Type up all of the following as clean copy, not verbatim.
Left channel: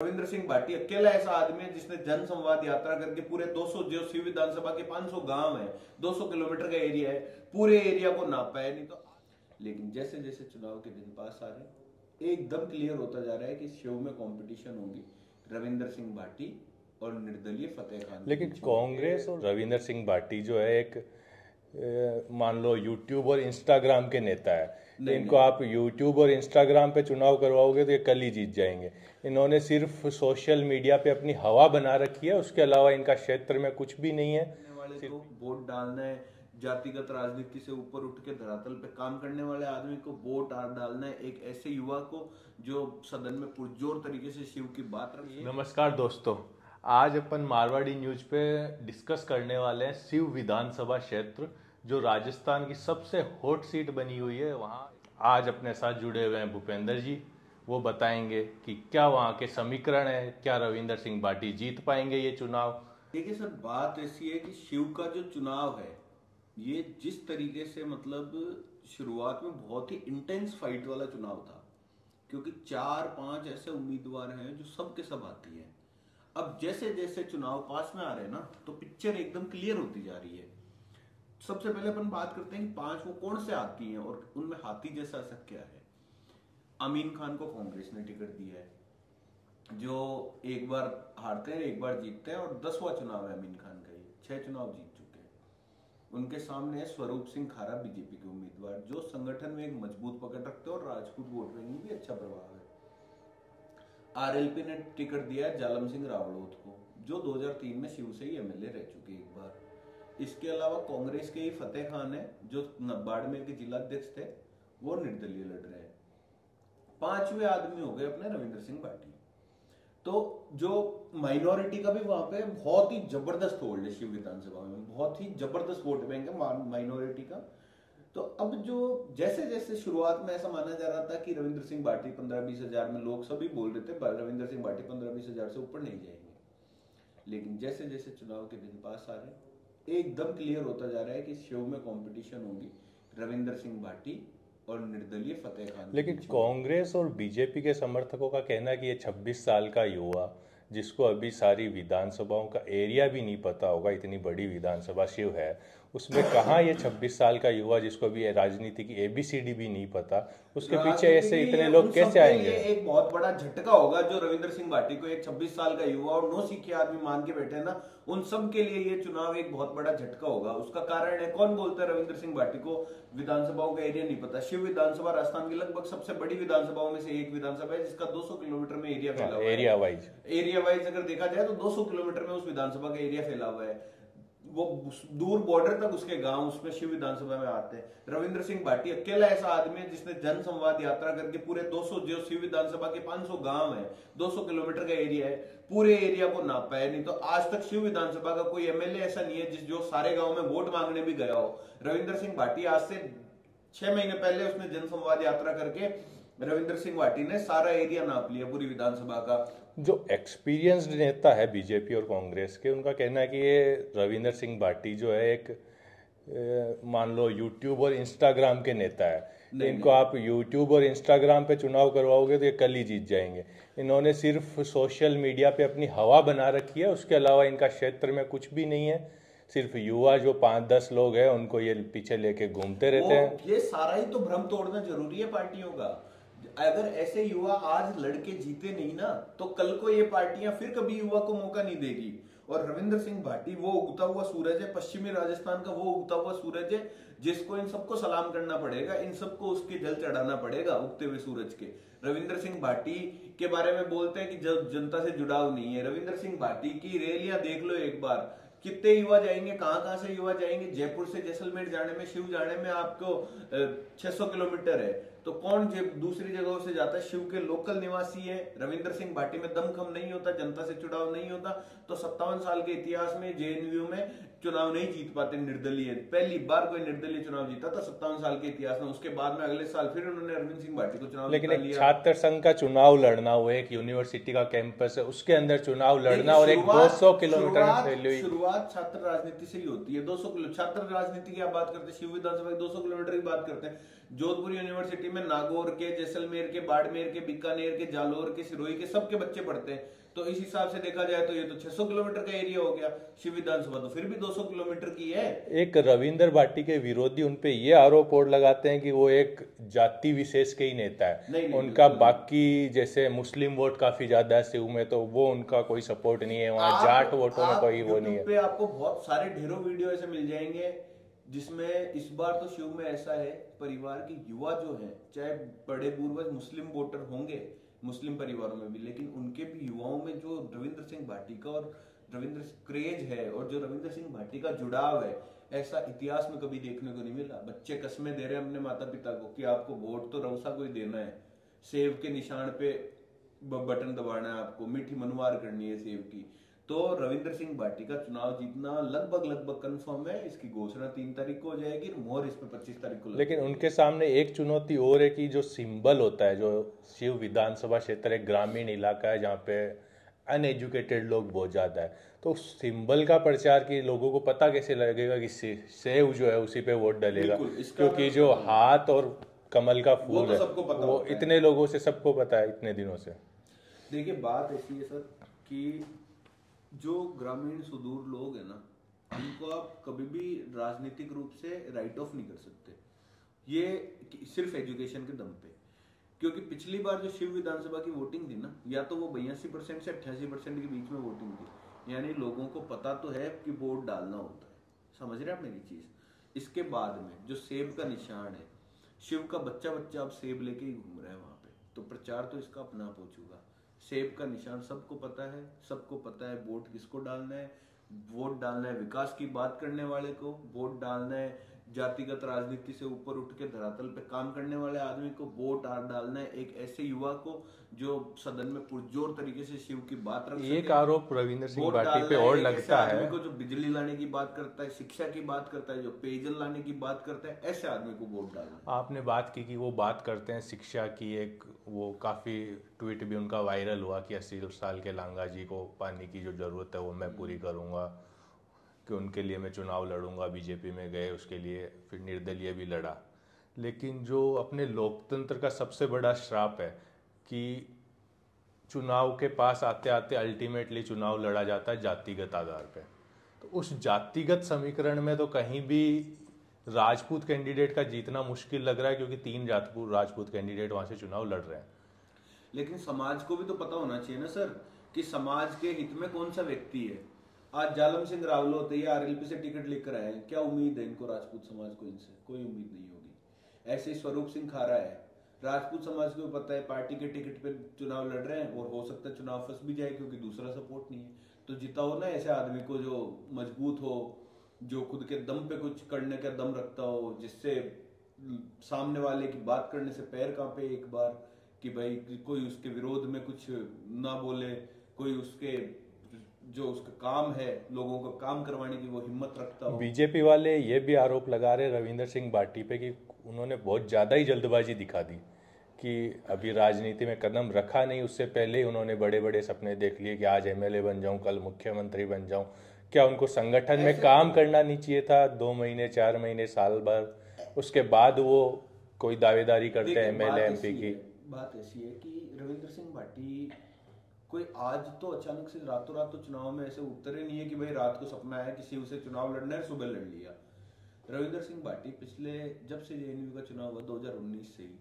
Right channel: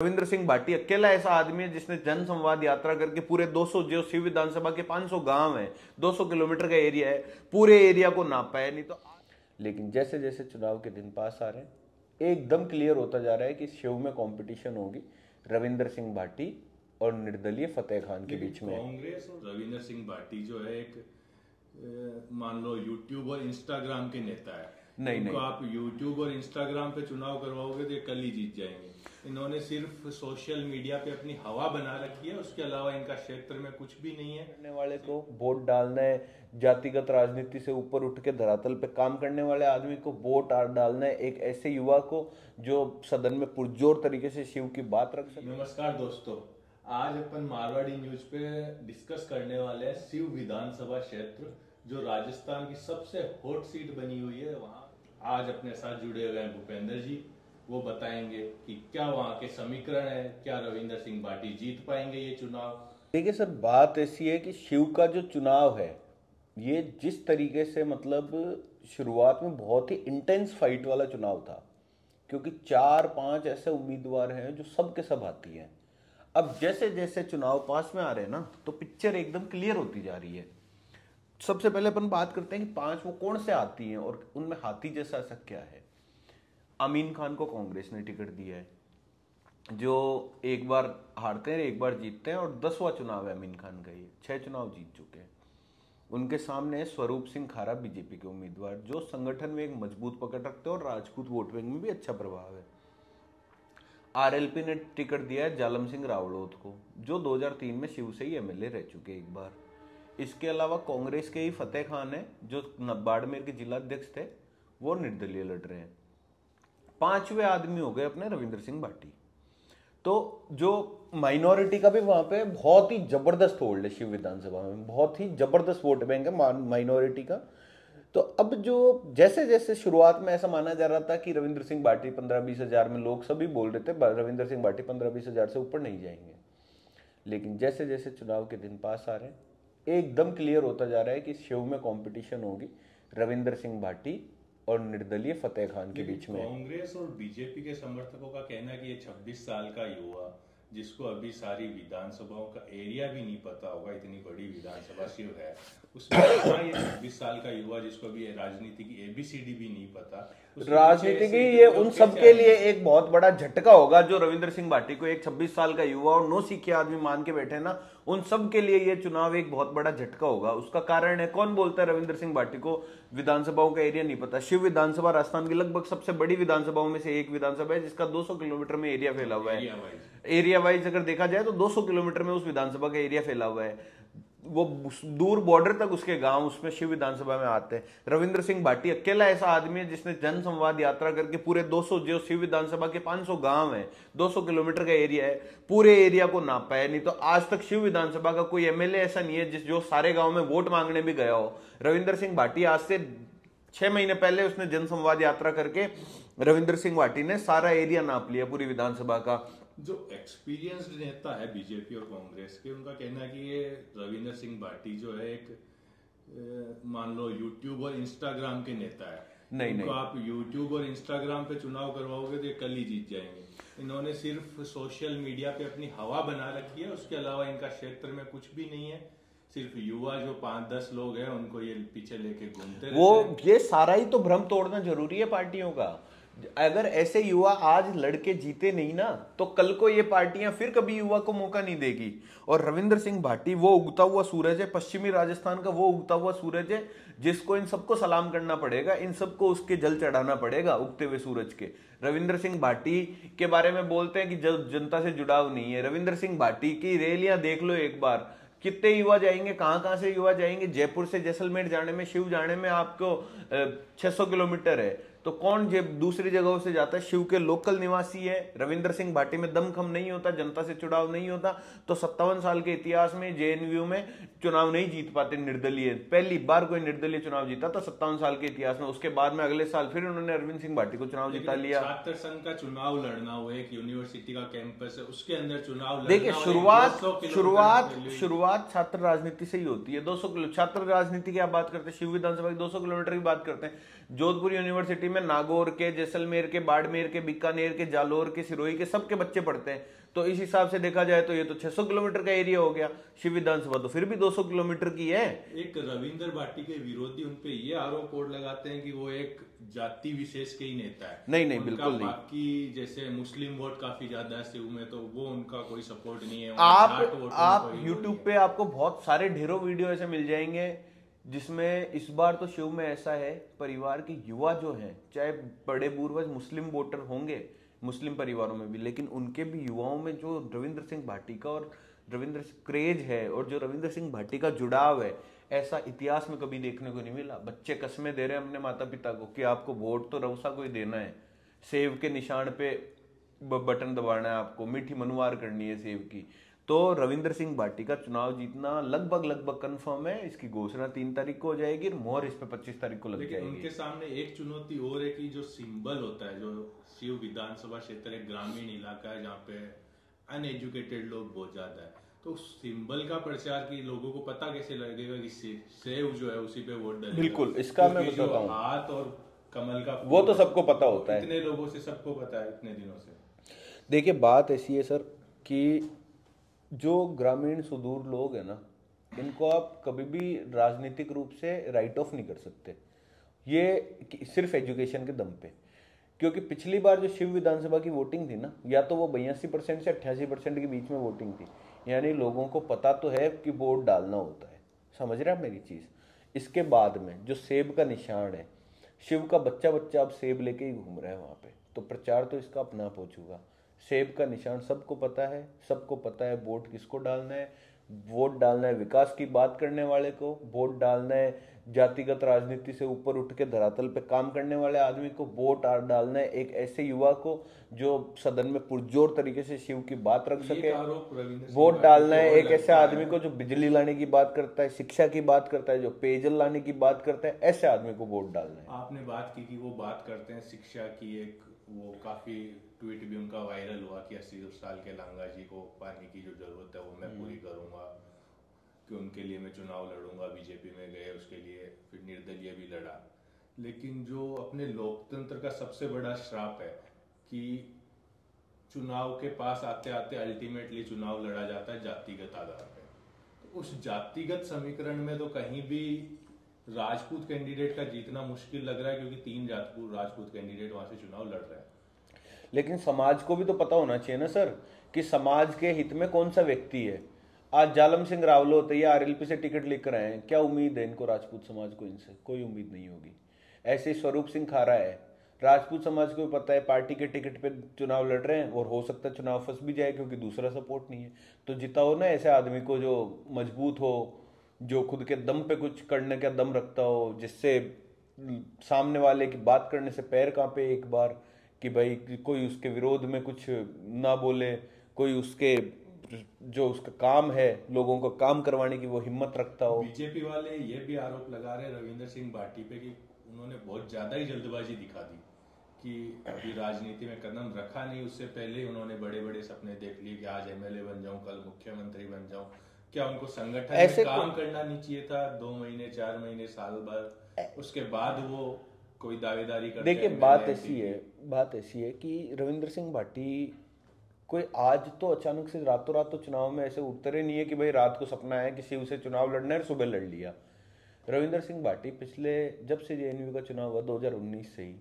रविंद्र सिंह भाटी अकेला ऐसा आदमी है जिसने जन संवाद यात्रा करके पूरे 200 जो शिव विधानसभा के 500 गांव है, 200 किलोमीटर का एरिया है, पूरे एरिया को नापा है। नहीं तो लेकिन जैसे जैसे चुनाव के दिन पास आ रहे हैं एकदम क्लियर होता जा रहा है कि शिव में कंपटीशन होगी रविंद्र सिंह भाटी और निर्दलीय फतेह खान के लेकिन बीच में। कांग्रेस और रविंद्र सिंह भाटी जो है एक मान लो यूट्यूब और इंस्टाग्राम के नेता है। इनको आप यूट्यूब और इंस्टाग्राम पे चुनाव करवाओगे तो ये कल ही जीत जाएंगे। इन्होंने सिर्फ सोशल मीडिया पे अपनी हवा बना रखी है, उसके अलावा इनका क्षेत्र में कुछ भी नहीं है। करने वाले को वोट डालना है, जातिगत राजनीति से ऊपर उठ के धरातल पे काम करने वाले आदमी को वोट डालना है, एक ऐसे युवा को जो सदन में पुरजोर तरीके से शिव की बात रख सके। नमस्कार दोस्तों, आज अपन मारवाड़ी न्यूज पे डिस्कस करने वाले हैं शिव विधानसभा क्षेत्र जो राजस्थान की सबसे हॉट सीट बनी हुई है। वहाँ आज अपने साथ जुड़े हुए हैं भूपेंद्र जी, वो बताएंगे कि क्या वहाँ के समीकरण है, क्या रविंद्र सिंह भाटी जीत पाएंगे ये चुनाव। देखिए सर, बात ऐसी है कि शिव का जो चुनाव है ये जिस तरीके से मतलब शुरुआत में बहुत ही इंटेंस फाइट वाला चुनाव था, क्योंकि 4-5 ऐसे उम्मीदवार हैं जो सब के सब आती हैं। अब जैसे जैसे चुनाव पास में आ रहे हैं ना, तो पिक्चर एकदम क्लियर होती जा रही है। सबसे पहले अपन बात करते हैं कि 5 वो कौन से आती हैं और उनमें हाथी जैसा ऐसा क्या है। अमीन खान को कांग्रेस ने टिकट दिया है, जो एक बार हारते हैं एक बार जीतते हैं, और 10वां चुनाव है अमीन खान का। ये 6 चुनाव जीत चुके हैं। उनके सामने स्वरूप सिंह खारा बीजेपी के उम्मीदवार, जो संगठन में एक मजबूत पकड़ रखते हैं और राजपूत वोट बैंक में भी अच्छा प्रभाव है। आरएलपी ने टिकट दिया है जालम सिंह रावड़ोत को, जो 2003 में शिव से ही एमएलए रह चुके एक बार। इसके अलावा कांग्रेस के ही फतेह खान है, जो बाड़मेर के जिलाध्यक्ष थे, वो निर्दलीय लड़ रहे हैं। 5वें आदमी हो गए अपने रविंद्र सिंह भाटी। तो जो माइनॉरिटी का भी वहां पे बहुत ही जबरदस्त होल्ड है शिव विधानसभा में, बहुत ही जबरदस्त वोट बैंक है माइनॉरिटी का। तो अब जो जैसे जैसे शुरुआत में ऐसा माना जा रहा था कि रविंद्र सिंह भाटी 15-20 हजार में, लोग सभी बोल रहे थे रविंद्र सिंह भाटी 15-20 हजार से ऊपर नहीं जाएंगे, लेकिन जैसे जैसे चुनाव के दिन पास आ रहे हैं एकदम क्लियर होता जा रहा है कि शिव में कंपटीशन होगी रविंद्र सिंह भाटी और निर्दलीय फतेह खान। लेकिन कांग्रेस और बीजेपी के समर्थकों का कहना है कि ये 26 साल का युवा जिसको अभी सारी विधानसभाओं का एरिया भी नहीं पता होगा, इतनी बड़ी विधानसभा शिव है, उसमें कहाँ ये 26 साल का युवा जिसको अभी राजनीति की ABCD भी नहीं पता, उसके पीछे ऐसे इतने लोग कैसे आएंगे? लिए एक बहुत बड़ा झटका होगा जो रविंद्र सिंह भाटी को एक 26 साल का युवा और 9 सीखे आदमी मान के बैठे ना, उन सब के लिए ये चुनाव एक बहुत बड़ा झटका होगा। उसका कारण है, कौन बोलता है रविंद्र सिंह भाटी को विधानसभाओं का एरिया नहीं पता। शिव विधानसभा राजस्थान की लगभग सबसे बड़ी विधानसभाओं में से एक विधानसभा है, जिसका 200 किलोमीटर में एरिया फैला हुआ है। एरिया वाइज अगर देखा जाए तो 200 किलोमीटर में उस विधानसभा का एरिया फैला हुआ है। वो दूर बॉर्डर तक उसके गांव उसमें शिव विधानसभा में आते हैं। रविंद्र सिंह भाटी अकेला ऐसा आदमी है जिसने जन संवाद यात्रा करके पूरे 200 जो शिव विधानसभा के 500 गांव है, 200 किलोमीटर का एरिया है, पूरे एरिया को नापा है। नहीं तो आज तक शिव विधानसभा का कोई एमएलए ऐसा नहीं है जो सारे गांव में वोट मांगने भी गया हो। रविंद्र सिंह भाटी आज से 6 महीने पहले उसने जन संवाद यात्रा करके रविंद्र सिंह भाटी ने सारा एरिया नाप लिया पूरी विधानसभा का। जो एक्सपीरियंस्ड नेता है बीजेपी और कांग्रेस के, उनका कहना है कि ये रविंद्र सिंह भाटी जो है एक मान लो यूट्यूब और इंस्टाग्राम के नेता है। इनको आप यूट्यूब और इंस्टाग्राम पे चुनाव करवाओगे तो ये कल ही जीत जाएंगे। इन्होंने सिर्फ सोशल मीडिया पे अपनी हवा बना रखी है, उसके अलावा इनका क्षेत्र में कुछ भी नहीं है। सिर्फ युवा जो 5-10 लोग हैं उनको ये पीछे लेके घूमते रहते हैं। ये सारा ही तो भ्रम तोड़ना जरूरी है पार्टियों का। अगर ऐसे युवा आज लड़के जीते नहीं ना, तो कल को ये पार्टियां फिर कभी युवा को मौका नहीं देगी। और रविंद्र सिंह भाटी वो उगता हुआ सूरज है, पश्चिमी राजस्थान का वो उगता हुआ सूरज है जिसको इन सबको सलाम करना पड़ेगा, इन सबको उसके जल चढ़ाना पड़ेगा उगते हुए सूरज के। रविंद्र सिंह भाटी के बारे में बोलते हैं कि जनता से जुड़ाव नहीं है। रविंद्र सिंह भाटी की रैलियां देख लो एक बार, कितने युवा जाएंगे, कहां से युवा जाएंगे। जयपुर से जैसलमेर जाने में, शिव जाने में आपको 600 किलोमीटर है, तो कौन दूसरी जगहों से जाता है? शिव के लोकल निवासी है। रविंद्र सिंह भाटी में दमखम नहीं होता, जनता से जुड़ाव नहीं होता, तो 57 साल के इतिहास में JNU में चुनाव नहीं जीत पाते निर्दलीय। पहली बार कोई निर्दलीय चुनाव जीता था 57 साल के इतिहास में। उसके बाद में अगले साल फिर उन्होंने अरविंद सिंह भाटी को चुनाव जिता लिया। छात्र संघ का चुनाव लड़ना, वो एक यूनिवर्सिटी का कैंपस है, उसके अंदर चुनाव लड़ना और 200 किलोमीटर शुरुआत छात्र राजनीति से ही होती है। 200 किलो छात्र राजनीति की आप बात करते हैं, शिव विधानसभा की 200 किलोमीटर की बात करते हैं। जोधपुर यूनिवर्सिटी में नागौर के, जैसलमेर के, बाड़मेर के, बीकानेर के, जालोर के, सिरोही के सबके बच्चे पढ़ते हैं। तो इस हिसाब से देखा जाए तो ये तो 600 किलोमीटर का एरिया हो गया। शिव विधानसभा तो फिर भी 200 किलोमीटर की है। एक रविंदर भाटी के विरोधी उनपे ये आरोप और लगाते हैं कि वो एक जाति विशेष के ही नेता है। नहीं, उनका बाकी जैसे मुस्लिम वोट काफी ज्यादा है शिव में, तो वो उनका कोई सपोर्ट नहीं है। वहाँ जाट वोटों में कोई वो नहीं है। पे आपको बहुत सारे ढेरों वीडियो ऐसे मिल जाएंगे जिसमें इस बार तो शिव में ऐसा है, परिवार के युवा जो हैं, चाहे बड़े पूर्वज मुस्लिम वोटर होंगे मुस्लिम परिवारों में भी, लेकिन उनके भी युवाओं में जो रविंद्र सिंह भाटी का और रविंद्र क्रेज है और जो रविंद्र सिंह भाटी का जुड़ाव है, ऐसा इतिहास में कभी देखने को नहीं मिला। बच्चे कस्में दे रहे हैं अपने माता पिता को कि आपको वोट तो रवसा को ही देना है, सेव के निशान पे बटन दबाना है, आपको मीठी मनुवार करनी है सेव की। तो रविंद्र सिंह भाटी का चुनाव जीतना लगभग कंफर्म है। इसकी घोषणा 3 तारीख को हो जाएगी, मोहर इस पे 25 तारीख को लग लेकिन जाएगी। उनके सामने एक चुनौती और है कि जो सिंबल होता है, जो शिव विधानसभा क्षेत्र एक ग्रामीण इलाका है जहाँ पे अनएजुकेटेड लोग बहुत ज्यादा है, तो सिंबल का प्रचार की लोगों को पता कैसे लगेगा कि सेव जो है उसी पे वोट डालेगा। बिल्कुल, इसका क्योंकि जो हाथ और कमल का फूल वो तो सबको पता होता है, इतने लोगों से सबको पता है इतने दिनों से। देखिए बात ऐसी है सर कि जो ग्रामीण सुदूर लोग हैं ना, इनको आप कभी भी राजनीतिक रूप से राइट ऑफ नहीं कर सकते, ये सिर्फ एजुकेशन के दम पे। क्योंकि पिछली बार जो शिव विधानसभा की वोटिंग थी ना, या तो वो 82% से 88% के बीच में वोटिंग थी, यानी लोगों को पता तो है कि वोट डालना होता है। समझ रहे हैं आप मेरी चीज? इसके बाद में जो सेब का निशान है, शिव का बच्चा अब सेब लेके ही घूम रहा है वहां पे, तो प्रचार तो इसका अपना आप हो चुका। सेब का निशान सबको पता है वोट किसको डालना है। वोट डालना है विकास की बात करने वाले को, वोट डालना है जातिगत राजनीति से ऊपर उठ के धरातल पे काम करने वाले आदमी को, वोट डालना है एक ऐसे युवा को जो सदन में पुरजोर तरीके से शिव की बात रख सके। आरोप रविंद्र सिंह वोट डालना है एक ऐसे आदमी को जो बिजली लाने की बात करता है, शिक्षा की बात करता है, जो पेयजल लाने की बात करता है, ऐसे आदमी को वोट डालना है। आपने बात की कि वो बात करते हैं शिक्षा की, एक वो काफी ट्वीट भी उनका वायरल हुआ कि 80 साल के लांगा जी को पानी की जो जरूरत है वो मैं पूरी करूंगा, कि उनके लिए मैं चुनाव लड़ूंगा। बीजेपी में गए, उसके लिए फिर निर्दलीय भी लड़ा। लेकिन जो अपने लोकतंत्र का सबसे बड़ा श्राप है कि चुनाव के पास आते आते अल्टीमेटली चुनाव लड़ा जाता है जातिगत आधार पर। तो उस जातिगत समीकरण में तो कहीं भी राजपूत कैंडिडेट का जीतना मुश्किल लग रहा है, क्योंकि 3 राजपूत कैंडिडेट वहां से चुनाव लड़ रहे हैं। लेकिन समाज को भी तो पता होना चाहिए ना सर कि समाज के हित में कौन सा व्यक्ति है। आज जालम सिंह रावलोत ये आरएलपी से टिकट लेकर आए हैं, क्या उम्मीद है इनको राजपूत समाज को? इनसे कोई उम्मीद नहीं होगी। ऐसे स्वरूप सिंह खारा है, राजपूत समाज को भी पता है पार्टी के टिकट पे चुनाव लड़ रहे हैं और हो सकता है चुनाव फंस भी जाए क्योंकि दूसरा सपोर्ट नहीं है। तो जिताओ ना ऐसे आदमी को जो मजबूत हो, जो खुद के दम पे कुछ करने का दम रखता हो, जिससे सामने वाले की बात करने से पैर कांपे एक बार, कि भाई कोई उसके विरोध में कुछ ना बोले, कोई उसके जो उसका काम है लोगों को काम करवाने की वो हिम्मत रखता हो। बीजेपी वाले ये भी आरोप लगा रहे रविंद्र सिंह भाटी पे कि उन्होंने बहुत ज्यादा ही जल्दबाजी दिखा दी, कि अभी राजनीति में कदम रखा नहीं, उससे पहले उन्होंने बड़े बड़े सपने देख लिए कि आज एमएलए बन जाऊं, कल मुख्यमंत्री बन जाऊं। क्या उनको संगठन में काम करना नहीं चाहिए था 2 महीने 4 महीने साल भर, उसके बाद वो कोई दावेदारी करते हैं? बात ऐसी है कि रविंद्र सिंह भाटी कोई आज तो अचानक से रातों रात तो चुनाव में ऐसे उतरे नहीं है कि भाई रात को सपना है कि शिव से चुनाव लड़ना है, सुबह लड़ लिया। रविंद्र सिंह भाटी पिछले जब से जेएनयू का चुनाव हुआ 2019 से ही,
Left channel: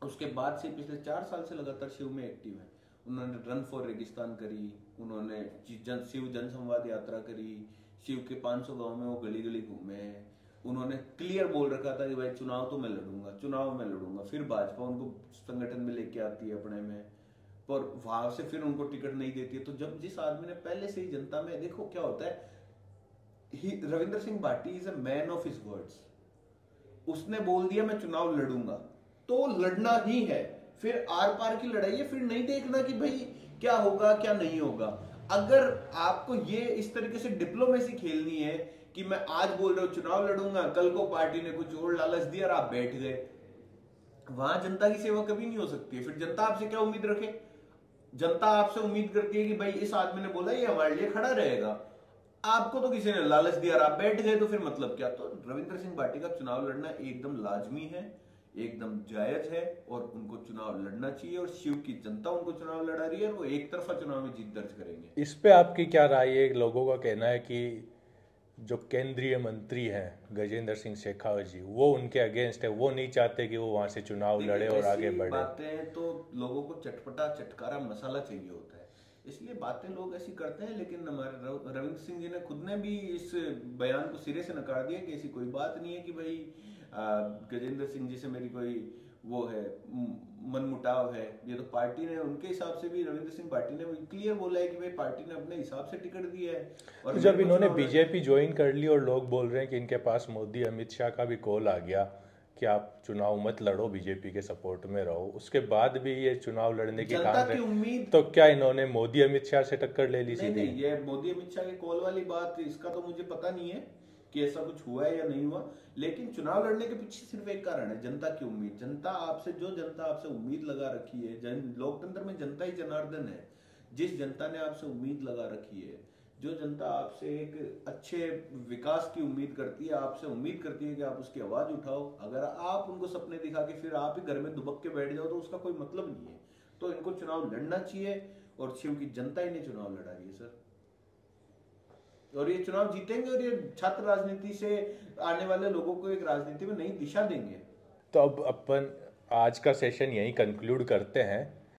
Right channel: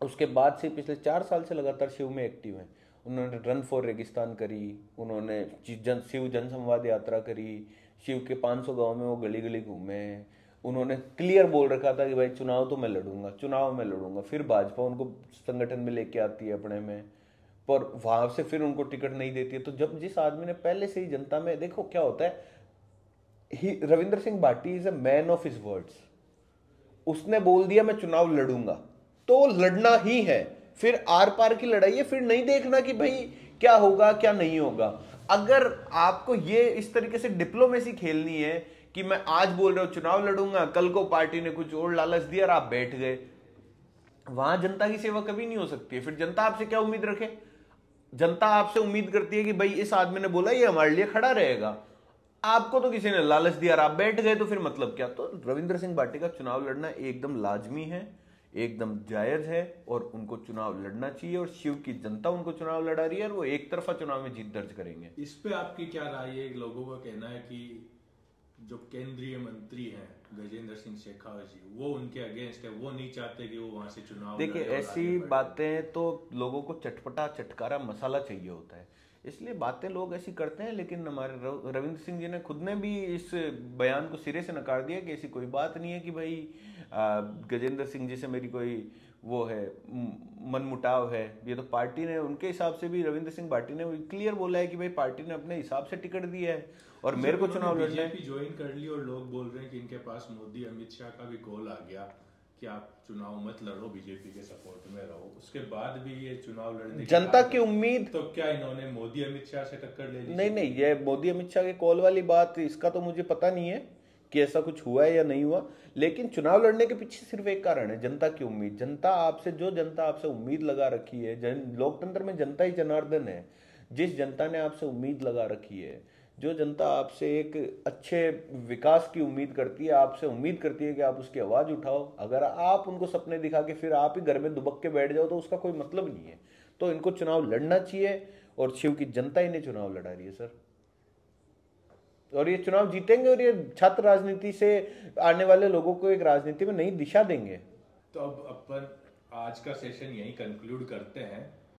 उसके बाद से पिछले 4 साल से लगातार शिव में एक्टिव है। उन्होंने रन फॉर रेगिस्तान करी, उन्होंने शिव जन संवाद यात्रा करी, शिव के 500 गाँव में वो गली गली घूमे। उन्होंने क्लियर बोल रखा था कि भाई चुनाव तो मैं लड़ूंगा। फिर भाजपा उनको संगठन में लेके आती है अपने में, पर वहां से फिर उनको टिकट नहीं देती है। तो जब जिस आदमी ने पहले से ही जनता में, देखो क्या होता है, Ravindra Singh Bhati is a man of his words. उसने बोल दिया मैं चुनाव लड़ूंगा तो लड़ना ही है, फिर आर पार की लड़ाई है, फिर नहीं देखना कि भाई क्या होगा क्या नहीं होगा। अगर आपको ये इस तरीके से डिप्लोमेसी खेलनी है कि मैं आज बोल रहा हूं चुनाव लड़ूंगा, कल को पार्टी ने कुछ और लालच दिया और आप बैठ गए, वहां जनता की सेवा कभी नहीं हो सकती है। फिर जनता आपसे क्या उम्मीद रखे? जनता आपसे उम्मीद करती है कि भाई इस आदमी ने बोला ये हमारे लिए खड़ा रहेगा, आपको तो किसी ने लालच दिया और आप बैठ गए, तो फिर मतलब क्या? तो रविंद्र सिंह भाटी का चुनाव लड़ना एकदम लाजमी है, एकदम जायज है और उनको चुनाव लड़ना चाहिए। और शिव की जनता उनको चुनाव लड़ा रही है और वो एक तरफा चुनाव में जीत दर्ज करेंगे। इस पे आपकी क्या राय है? लोगों का कहना है कि जो केंद्रीय मंत्री हैं गजेंद्र सिंह शेखावत जी, वो उनके अगेंस्ट है, वो नहीं चाहते कि वो वहां से चुनाव लड़े और आगे बढ़े। बातें तो लोगों को चटपटा चटकारा मसाला चाहिए होता है, इसलिए बातें लोग ऐसी करते हैं। लेकिन हमारे रविंद्र सिंह जी ने खुद ने भी इस बयान को सिरे से नकार दिया कि ऐसी कोई बात नहीं है कि भाई गजेंद्र सिंह जी से मेरी कोई वो है मनमुटाव है। ये तो पार्टी ने, उनके हिसाब से भी रविंद्र सिंह भाटी ने क्लियर बोला है कि भाई पार्टी ने अपने हिसाब से टिकट दी है। और जब इन्होंने बीजेपी ज्वाइन कर ली और लोग बोल रहे हैं कि इनके पास मोदी अमित शाह का भी कॉल आ गया कि आप चुनाव मत लड़ो, बीजेपी के सपोर्ट में रहो, उसके बाद भी ये चुनाव लड़ने की जनता की उम्मीद, तो क्या इन्होंने मोदी अमित शाह से टक्कर ले ली? नहीं, ये मोदी अमित शाह के कॉल वाली बात, इसका तो मुझे पता नहीं है कि ऐसा कुछ हुआ है या नहीं हुआ। लेकिन चुनाव लड़ने के पीछे सिर्फ एक कारण है, जनता की उम्मीद। जनता आपसे उम्मीद लगा रखी है, लोकतंत्र में जनता ही जनार्दन है। जिस जनता ने आपसे उम्मीद लगा रखी है, जो जनता आपसे एक अच्छे विकास की उम्मीद करती है, आपसे उम्मीद करती है कि आप उसकी आवाज उठाओ, अगर आप उनको सपने दिखा के फिर आप ही घर में दुबक के बैठ जाओ तो उसका कोई मतलब नहीं है। तो इनको चुनाव लड़ना चाहिए और शिव की जनता इन्हें चुनाव लड़ा रही है सर, और ये चुनाव जीतेंगे और ये छात्र राजनीति से आने वाले लोगों को एक राजनीति में नई दिशा देंगे। तो अब अपन आज का सेशन यहीं कंक्लूड करते हैं।